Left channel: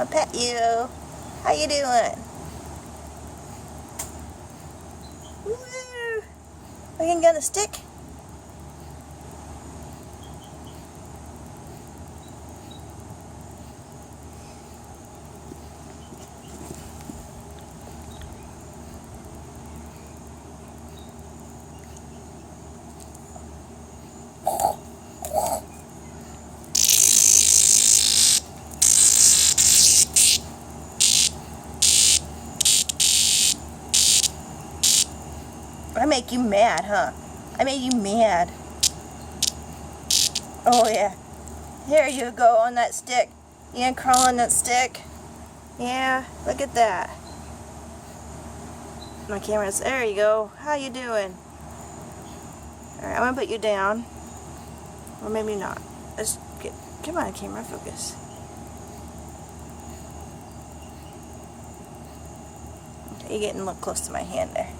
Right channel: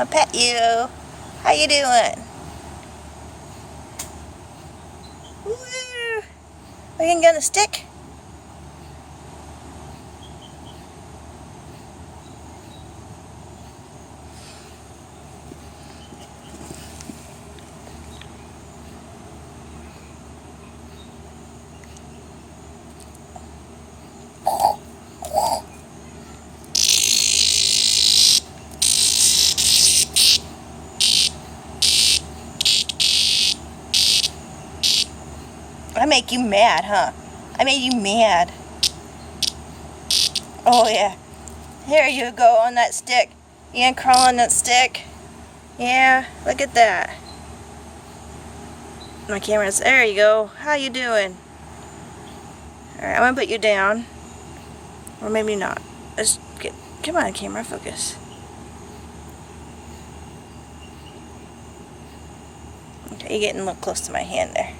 I'll pet you. How you doing? Woo! Are you gonna get on the stick? I make you mad, huh? I made you mad. Oh yeah. Here you go on that stick. You gonna crawl on that stick? Yeah, look at that. My camera's, there you go. How you doing? Alright, I'm gonna put you down. Or maybe not. Let's get, come on camera, focus. Okay, you're getting a little close to my hand there.